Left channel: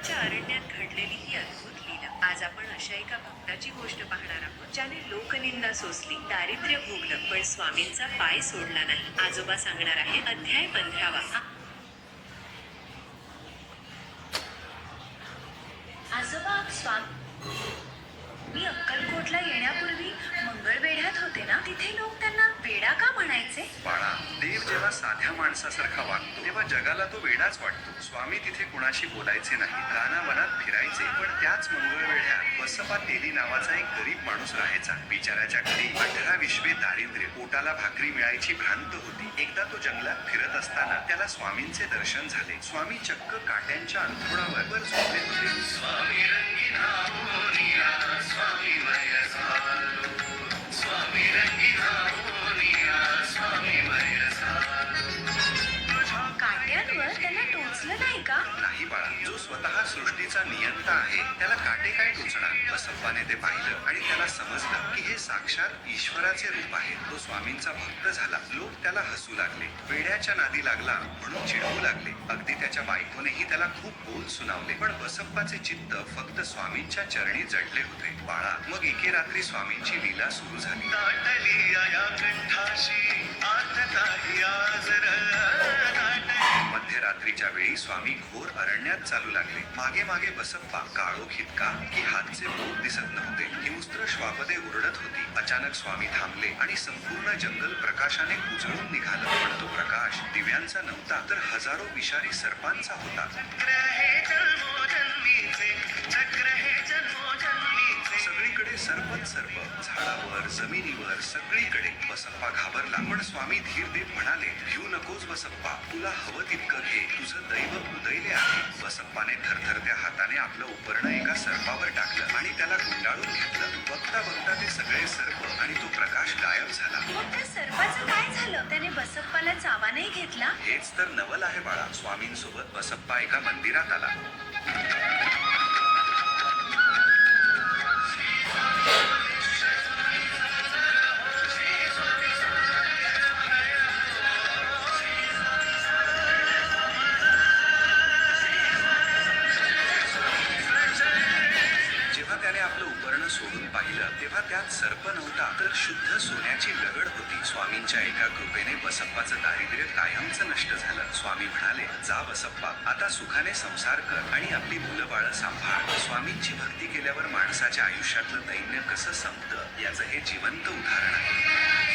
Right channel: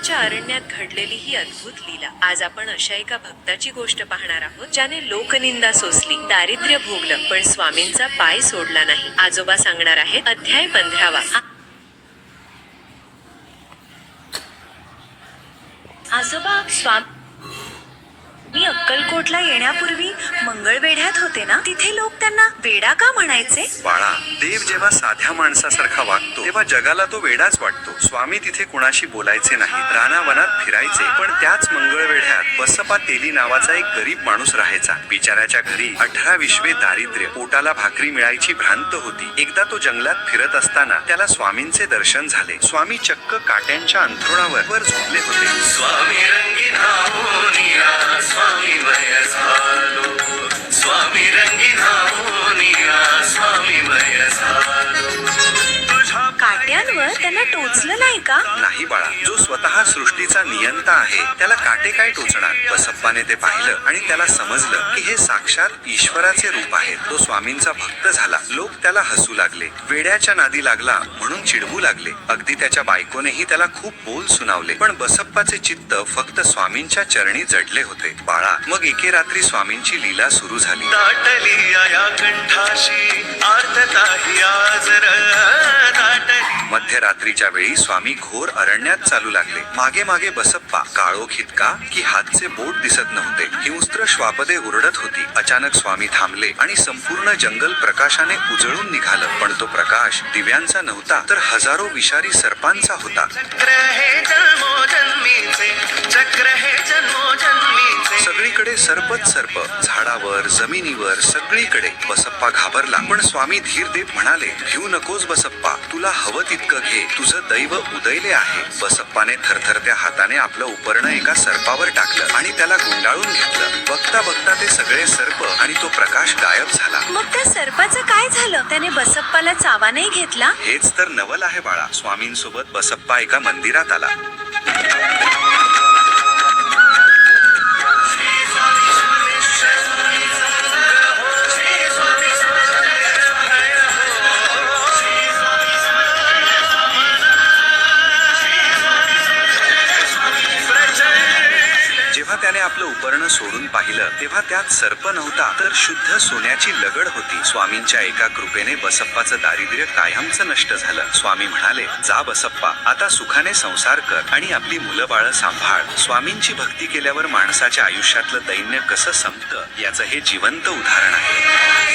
बसप्पाच्या अरण्यात घडलेली ही अद्भुत लीला. आज आपण अशा एका भक्ताची गोष्ट पाहणार आहोत ज्याने लोकनिंदा सोसली, दारिद्र्य भोगलं, पण स्वामींचा पाय सोडला नाही. आजोबा सांगणार आहेत अध्याय 15वा. आजोबा, मी अक्कलकोटला येण्यापूर्वी मंगळवेढ्यात होते ना, तिथे लोक त्यांना वेडा का म्हणायचे? बाळा, देव जेव्हा साध्या माणसासारखा वागतो तेव्हा जगाला तो वेडाच वाटतो. स्वामी तिथे कुणाशी बोलायचे नाही, रानावनात फिरायचे. पण त्याच मंगळवेढ्यात बसप्पा तेली नावाचा एक गरीब माणूस राहायचा. बिचाऱ्याच्या घरी 18 विश्वे दारिद्र्य, पोटाला भाकरी मिळायची भ्रांत होती. एकदा तो जंगलात फिरत असताना त्याला स्वामींचे दर्शन झाले. स्वामी चक्क काट्यांच्या अंथरुणावर वर झोपले होते. स्वामी रंगीन होनिया, स्वामी मय झालो, स्वामी रंगीन होनिया, स्वामी मय झालो. तुझ्या काट्यांवर त्यांना टोचलं नाही का? नाही बाळा, जो स्वतः सृष्टीचा नियंता आहे त्याला काटे काय टोचणार. बसप्पाने ते पाहिलं आणि त्याला समजलं की हे साक्षात ईश्वराचे रूप आहे. तो स्वामींचा भक्त झाला. लोक त्याला हसू लागले, वेड्याच्या नादी लागला म्हणून चिडवू लागले. अगदी त्याच्या बायकोनेही त्याला खूप बोल सुनावले. पण बसप्पाचे चित्त फक्त स्वामींच्या चरणी जडले होते. बाळा, मग एके रात्री स्वामींची लीला सुरू झाली. दाटली या कंठाशी आर्तताही आजर दाटली. मध्यरात्रीच्या वेळी स्वामी घोर अरण्यात चालू लागले. मागे मागे बसप्पा, काळोख इतका की हातचे बोट दिसत नव्हते. हिंस्त्र श्वापदे ओरडत होती. अचानक स्वामी थांबले आणि संपूर्ण जंगल प्रकाशाने उजळून निघालं. पण तो प्रकाश दिव्यांचा नव्हता, तर हजारो विषारी सर्पांचा होता. चक्र हे जन्मोजन्मीचे, चक्र हे जन्मोजन्मीचे. सगळीकडे सर्पच सर्प, झाडावर, जमिनीवर, सगळीकडे. बसप्पा घाबरला, पण स्वामी धीर देत म्हणाले, भिऊ नकोस बसप्पा, तुला हवं तितकं घे, तुझं दैव उदयले आहे. बसप्पाने थरथरत्या हाताने आपलं उपरणं एका सर्पावर टाकलं आणि त्याला गुंडाळून घेतलं. बघता बघता ते सगळे सर्प आणि तो प्रकाश गायब झाला. मग त्या सर्पाचं काय झालं? त्याने बसप्पाला चावा नाही घेतला? हेच तर नवल आहे बाळा. स्वामींसोबत बसप्पा एका मंदिरात आला. जेव्हा त्याने आपलं उपरणं सोडून पाहिलं तेव्हा त्यात सर्प नव्हता, तर शुद्ध सोन्याची लगड होती. स्वामींच्या एका कृपेने बसप्पाचं दारिद्र्य कायमचं नष्ट झालं. स्वामी म्हणाले, जा बसप्पा, आता सुखाने संसार कर आणि आपली मुलं बाळं सांभाळ. स्वामींची भक्ती केल्यावर माणसाच्या आयुष्यातलं दैन्य कसं संपतं याचं हे जिवंत उदाहरण आहे.